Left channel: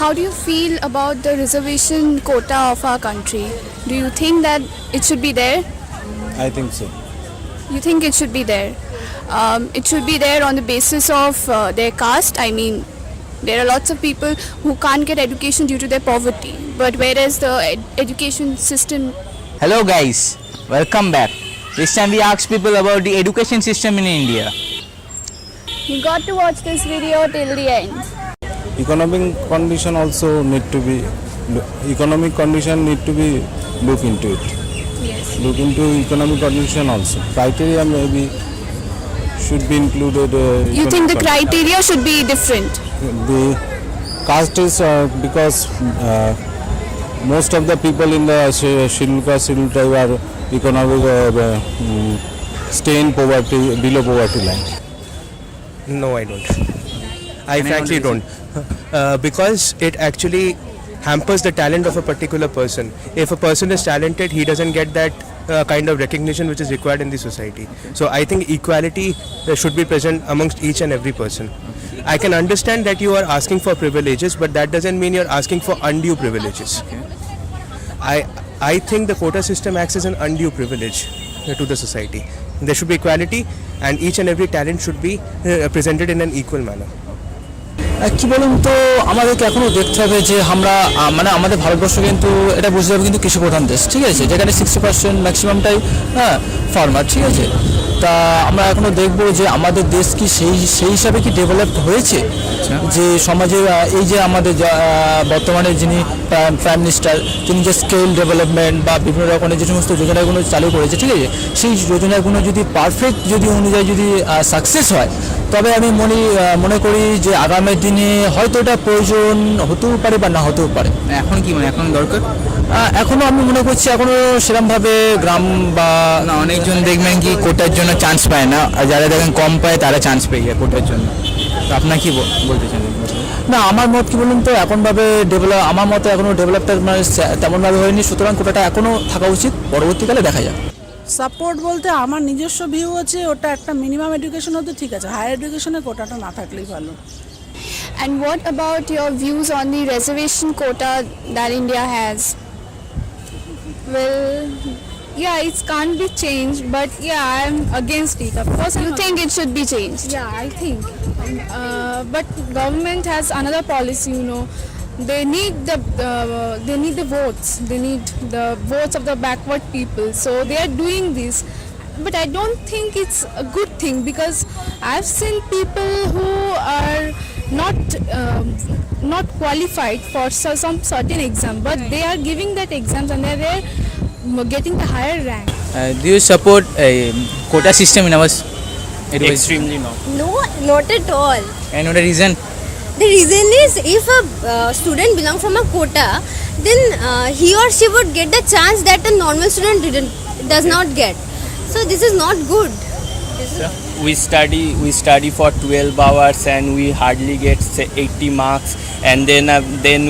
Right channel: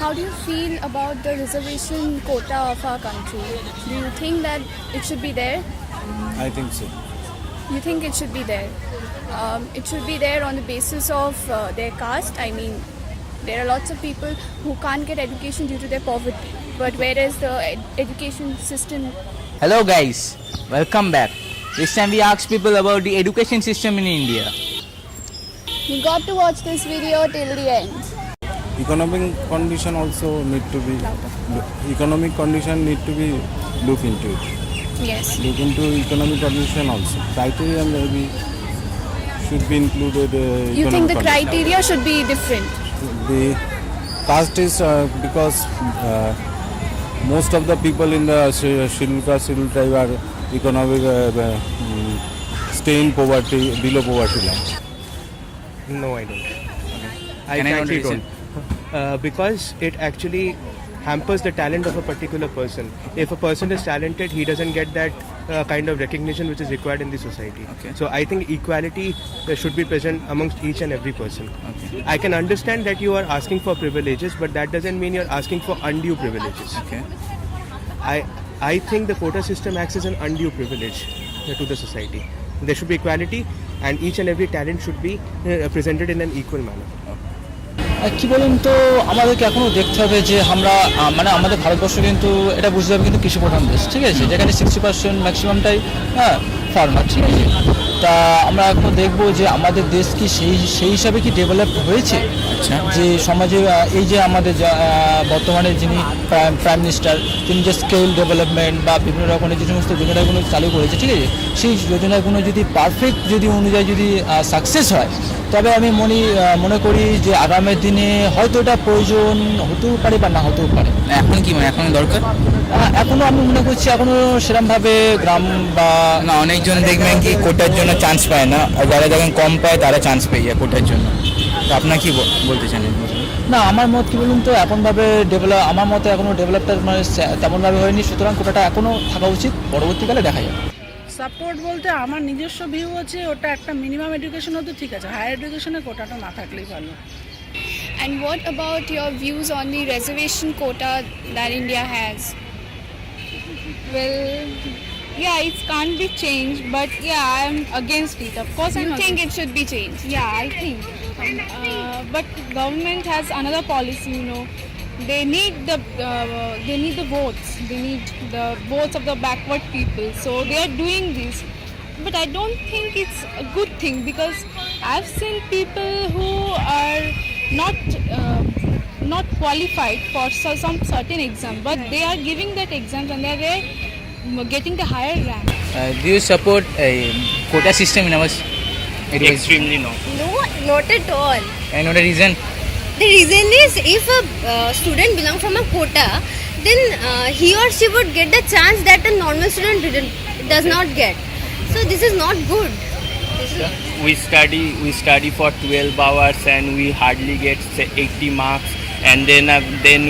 how do you feel about the reservation quota of our country? Do you think that it should be there? I think so. You think it should be there? It should be there on the basis of their caste. I mean, there are lots of people who can't get education due to their poverty. But whereas the education system... Hello guys, welcome back. This time we asked people about the education system in India. You got to watch this video till the end. Economic condition also need to be look into it. Yes. Look into economic condition also. Criteria maybe should be included. You think the criteria should be different? The caste is because most of the people in the scheduled caste, scheduled tribe are economic stay in poverty, below poverty line. No, I don't. I frankly don't. Because it actually hampers the talent of a particular person. If a person is talented, he doesn't get that kind of recognition which is required in the society. Okay. So I think equality should be present amongst each and every person. Okay. I can understand that you are asking for privileges, but that doesn't mean you're asking for undue privileges. Okay. I think the quota system acts as an undue privilege to the society. There should be equality, and each and every talent should be presented in an equal manner. কি বলুন তো আমাদেরকে এখনও দেখতে হবে যে আমরা মানে আমাদের ভারতবর্ষ কিন্তু এটা বুঝতে হবে কিন্তু কৃষি প্রধান দেশ, ঠিক আছে, যেখানে 60% ম্যাক্সিমামটাই ফার্মার, ঠিক আছে। তা আমরা এখনও দেখবো যে আমাদের দেশ কি সেই হিসাবে কি ডেভেলপ হয়েছে, যে সমাজে এই যে আমাদের বর্তমানে যিনি প্রাইম মিনিস্টার, তিনি যে স্কেল ডেভেলপমেন্ট বা বিভিন্ন রকমের যে সমস্ত যোজনাগুলো চালু করেছে, ঠিক আছে, সেই যোজনাগুলো যদি পারফেক্ট যদি অনুযায়ী যদি সাকসেস হয়, তবে আমি মনে করি যে আগামী দিনে হয়তো এটা প্রয়োজন হতেও পারে বা না হতেও পারে। এখন কি মানে এখন দরকার? এখনো আমি মনে করছি এখনো সেরকমভাবে গ্রাম বা না, অনেকজন দেখবেন কি কোটার জন্য চান্স পায় না, আর যারা দেখেন কম পায় তারা চান্স পেয়ে যায় কোটার জন্য। তো আপনার কি বলতে চান? না, আমার মত কি বলুন তো, এখনভাবে আমার মতে এখনো ডেভেলপটা তেমনভাবে হয়নি, সুতরাং কোটাটা এখনো থাকা উচিত, পরবর্তীকালে দেখা যায়। সাপোর্ট বলতে আমার নিজস্ব ভিউ আছে, ওটা একটা মিনিমাম এডুকেশন হতে ঠিক আছে, হায়ার এডুকেশনে কোটাটা না থাকলেই ভালো। And what about your views on the reservation quota that India has? Well, yeah, it can't be changed, but yeah, I'm against it. Of course, You think it should be changed? Yeah, I think. But government has another policy, you know. They need the votes. They need the votes of the backward people. So they are doing this. But I don't think it's a good thing, because I've seen people who are not qualified for some certain exam, but they are giving that exams and they are getting the higher rank. Do you support a quota system in our education? Extremely not. No, not at all. And what the reason? The reason is, if a student belongs from a quota, then he or she would get the chance that a normal student does not get. So this is not good. We study for 12 hours and we hardly get say 80 marks, and then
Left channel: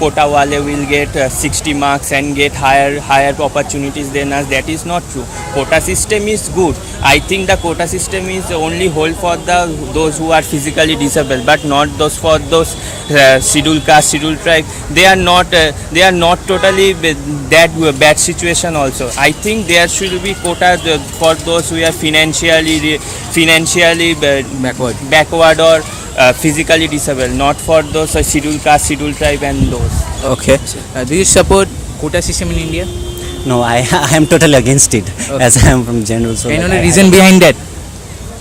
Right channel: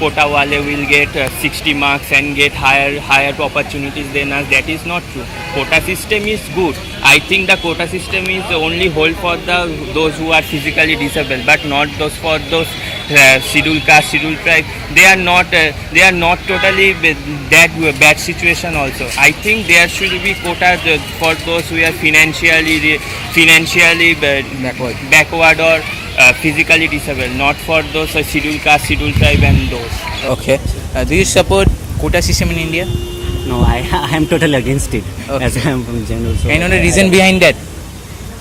quota wale will get 60 marks and get higher opportunities than us. That is not true. Quota system is good. I think the quota system is only hold for those who are physically disabled, but not for those scheduled caste, scheduled tribe. They are not totally that bad situation also. I think there should be quota for those who are financially backward or physically disabled, not for those scheduled caste, scheduled tribe and those. Okay. Do you support quota system in India? No, I am totally against it. Okay. As I am from general. So And what the reason behind that?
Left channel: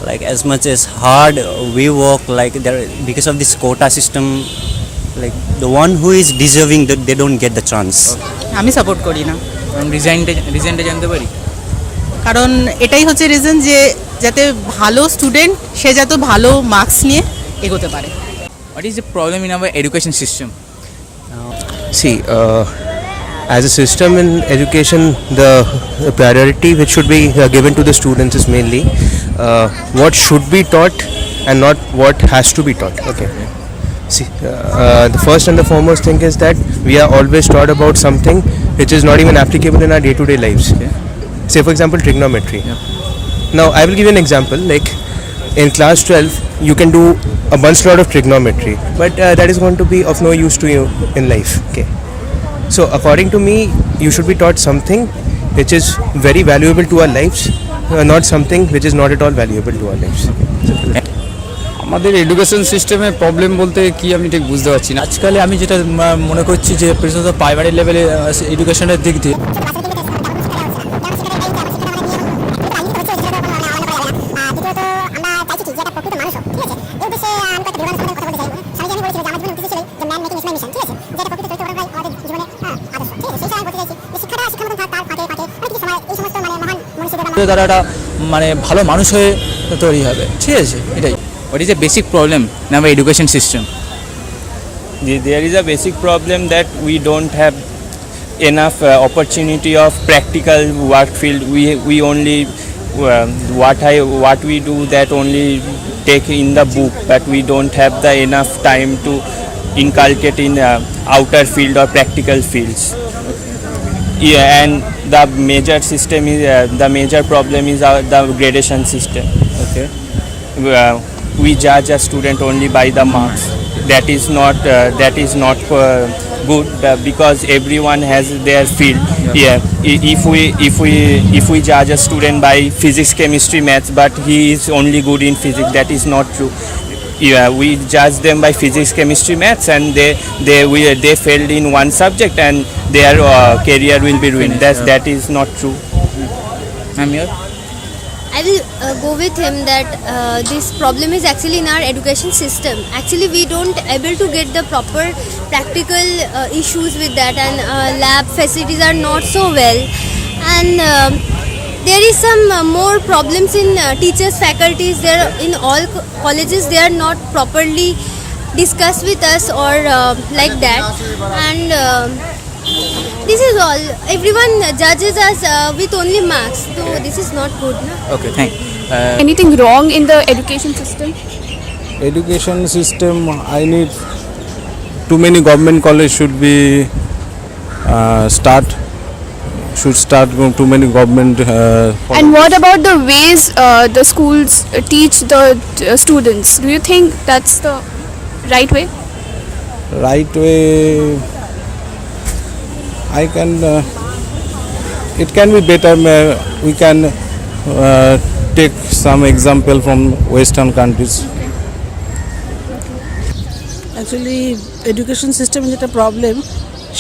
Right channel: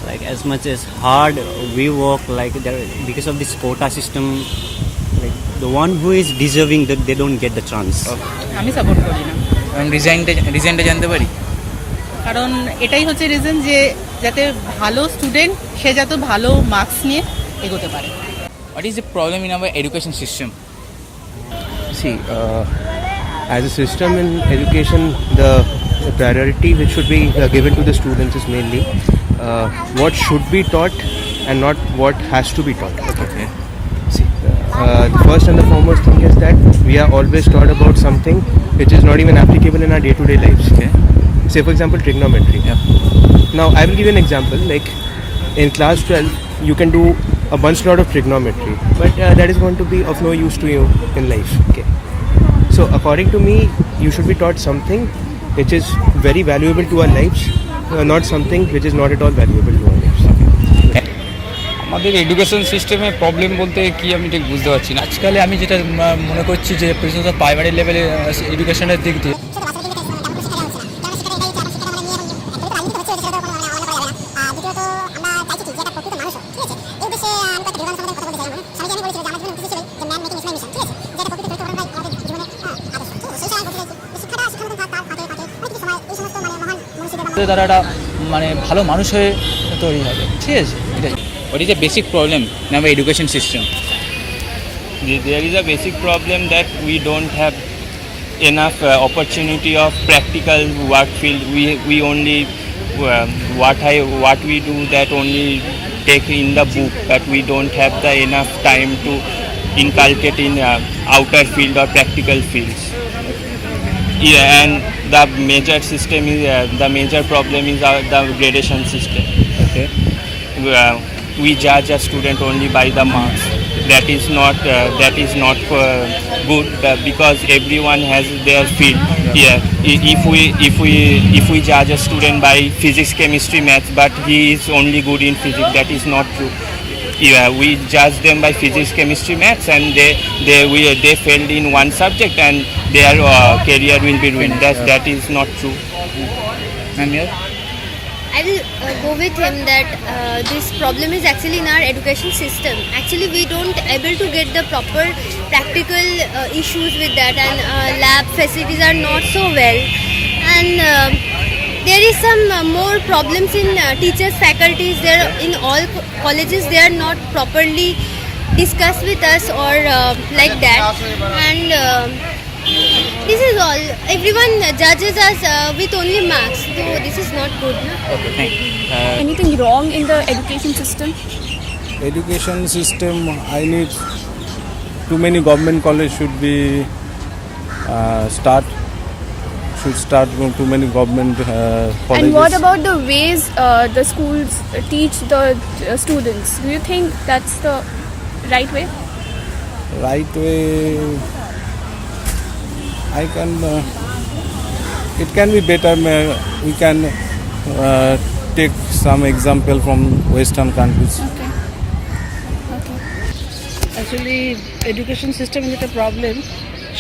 like as much as hard we work, like there because of this quota system, like the one who is deserving, they don't get the chance. আমি support করি না, কারণ রিজনটা জানতে পারি? কারণ এটাই হচ্ছে reason যে যাতে ভালো স্টুডেন্ট সে যাতে ভালো মার্কস নিয়ে এগোতে পারে। What is the problem in our education system? See, as a system in education, the priority which should be given to the students is mainly what should be taught and not what has to be taught. Okay. See, the first and the foremost thing is that we are always taught about something which is not even applicable in our day-to-day lives. Okay. Say, for example, trigonometry. Yeah. Now, I will give you an example. Like in class 12, you can do a bunch lot of trigonometry, but that is going to be of no use to you in life. Okay, so according to me, you should be taught something which is very valuable to our lives, not something which is not at all valuable to our lives. আমাদের education সিস্টেমে problem বলতে কি আমি ঠিক বুঝতে পারছি না। আজকালে আমি যেটা মনে করছি যে বিশেষত প্রাইমারি লেভেলে এডুকেশনের দিক দিয়ে তারা একটা মানে ভালো মানুষ হয়ে তৈরি হবে, ঠিক আছে? এটাই। What is the basic problem in our education system? There is a basic problem that we don't have enough opportunity of practical work field. We only what we do that only take in the book, but we don't have the enough time to inculcate in outer field or practical fields. Yeah, and the major system is the major problem is the gradation system. Okay. We judge a student only by the marks. That is not good because everyone has their field. Yeah, if we judge a student by physics, chemistry, maths, but he is only good in physics, that is not true. Yeah, we judge them by physics, chemistry, maths, and they failed in one subject and their career will be ruined. That is not true. I will go with him that this problem is actually in our education system. Actually, we don't able to get the proper practical issues with that, and lab facilities are not so well. And there is some more problems in teachers, faculties. There in all colleges, they are not properly discussed with us or like that. And this is all. Everyone judges us with only marks. So this is not good. No? Okay, thank you. Anything wrong in the education system? Education system, I need too many government college should be should start too many government colleges. And what about the ways the schools teach the students? Do you think that's the right way? Right way, it can be better. We can take some example from Western countries. Actually education সিস্টেমে যেটা problem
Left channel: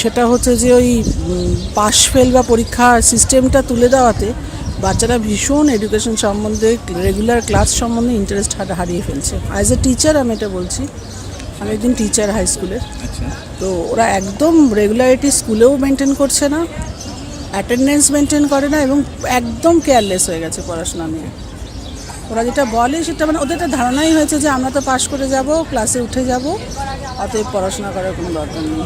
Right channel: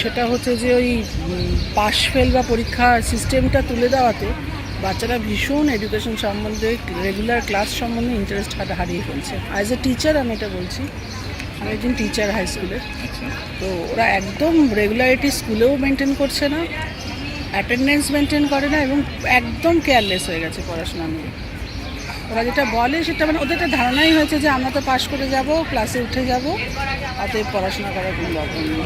সেটা হচ্ছে যে ওই pass fail বা পরীক্ষার সিস্টেমটা তুলে দেওয়াতে বাচ্চারা ভীষণ এডুকেশন সম্বন্ধে রেগুলার ক্লাস সম্বন্ধে ইন্টারেস্ট হারিয়ে ফেলছে। অ্যাজ এ টিচার আমি এটা বলছি, আমি একজন টিচার হাই স্কুলে। তো ওরা একদম রেগুলারিটি স্কুলেও মেনটেন করছে না, অ্যাটেন্ডেন্স মেনটেন করে না এবং একদম কেয়ারলেস হয়ে গেছে পড়াশোনা নিয়ে। ওরা যেটা বলে সেটা মানে ওদের একটা ধারণাই হয়েছে যে আমরা তো পাস করে যাব, ক্লাসে উঠে যাব, অতএব পড়াশোনা করার কোনো দরকার নেই।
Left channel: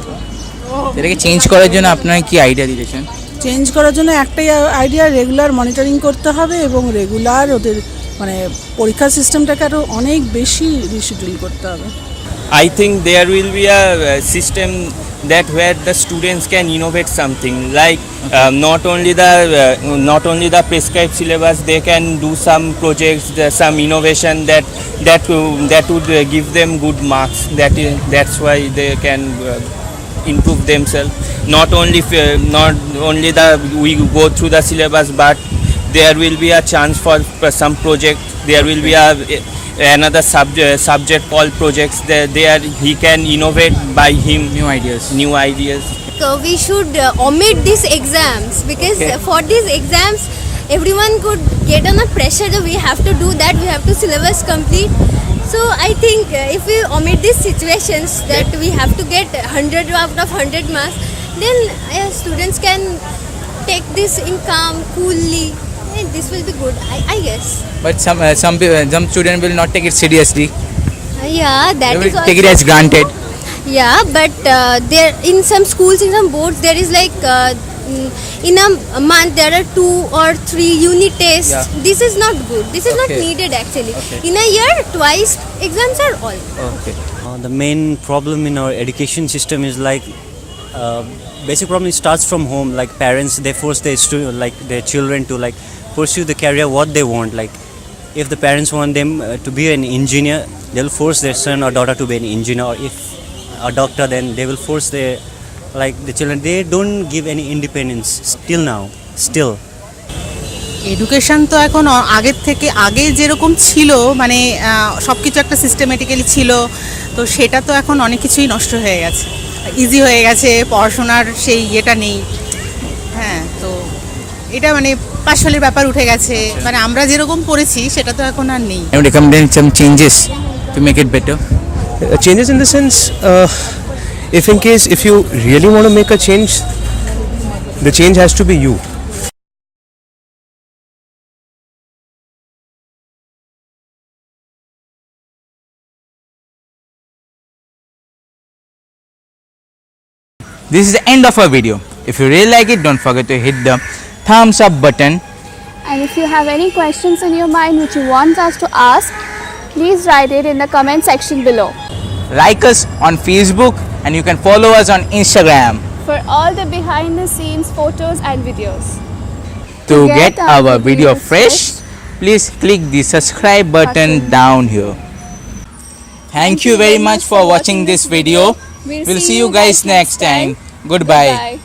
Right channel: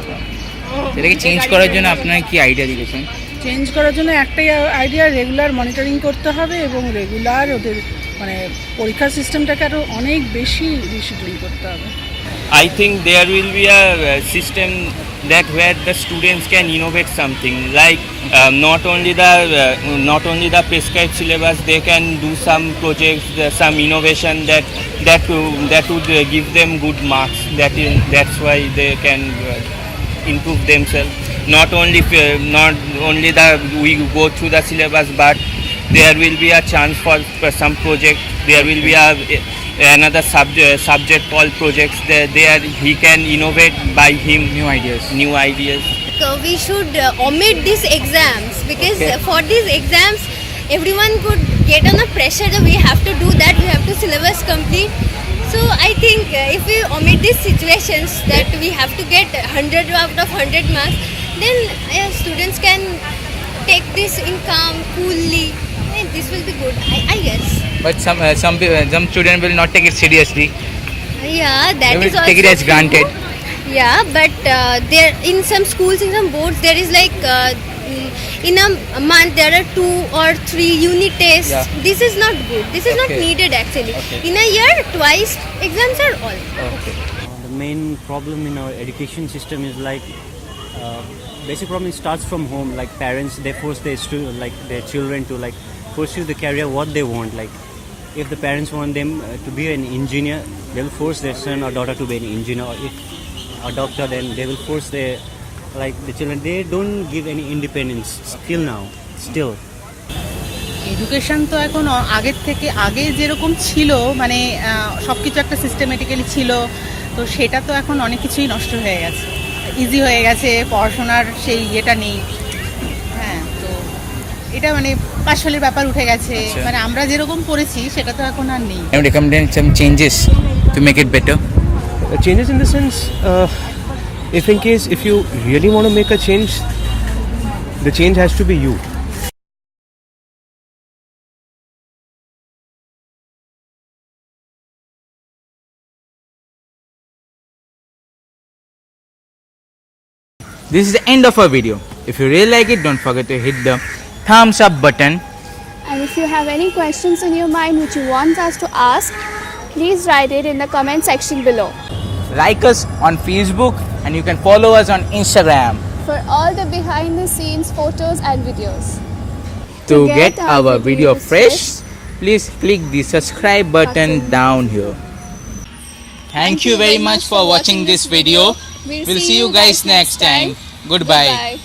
এটাকে চেঞ্জ করার জন্য আপনারা কি আইডিয়া দিয়েছেন? চেঞ্জ করার জন্য একটাই আইডিয়া, রেগুলার মনিটরিং করতে হবে এবং রেগুলার ওদের মানে পরীক্ষার সিস্টেমটাকে আরও অনেক বেশি রিশিডিউল করতে হবে। I think there will be a system that where the students can innovate something like not only the prescribed syllabus, they can do some projects, some innovation that would give them good marks. That's why they can improve themselves. Not only we go through the syllabus, but there will be a chance for some project. There will be another subject called projects. There he can innovate by him new ideas. So we should omit these exams because for these exams everyone could get on a pressure that we have to do that, we have to syllabus complete. So I think if we omit these situations that we have to get 100 out of 100 marks, then students can take this in calm, coolly. This will be good, I guess. But some students will not take it seriously. Yeah, that They is will also take it as granted. Yeah, but there in some schools, in some boards, there is like in a month there are 2 or 3 unit tests. Yeah. This is not good. This is not needed actually. In a year, twice exams are all. The main problem in our education system is like basic problem. It starts from home. Like parents, they force their children to like pursue the career what they want. Like if the parents want them to be an engineer, they'll force their son or daughter to be an engineer, or if a doctor, then they will force the children. They don't give any independence still now, still. Education তো এখন আগের থেকে আগে যেরকম ছিল, মানে সব কিছু একটা সিস্টেমেটিক্যালি ছিল, তো সেটা তো এখন অনেক কিছুই নষ্ট হয়ে গেছে, ইজি হয়ে গেছে, পড়াশোনার সেই ইয়েটা নেই। হ্যাঁ, তো এটা মানে পাশালের ব্যাপার উঠে গেছে, মানে আমরা যেরকম পড়েছি সেটা তো এখন আর নেই। And recommend some changes to make it better. Changes in the sense, if you really want to make a change, the change has to be you. This is the end of our video. If you really like it, don't forget to hit the thumbs up button. And if you have any questions in your mind which you want us to ask, please write it in the comment section below. Like us on Facebook and you can follow us on Instagram For all the behind the scenes photos and videos. to get our video fresh. Please click the subscribe button down here. Thank you very much for watching this video. We'll see you guys next time. Goodbye.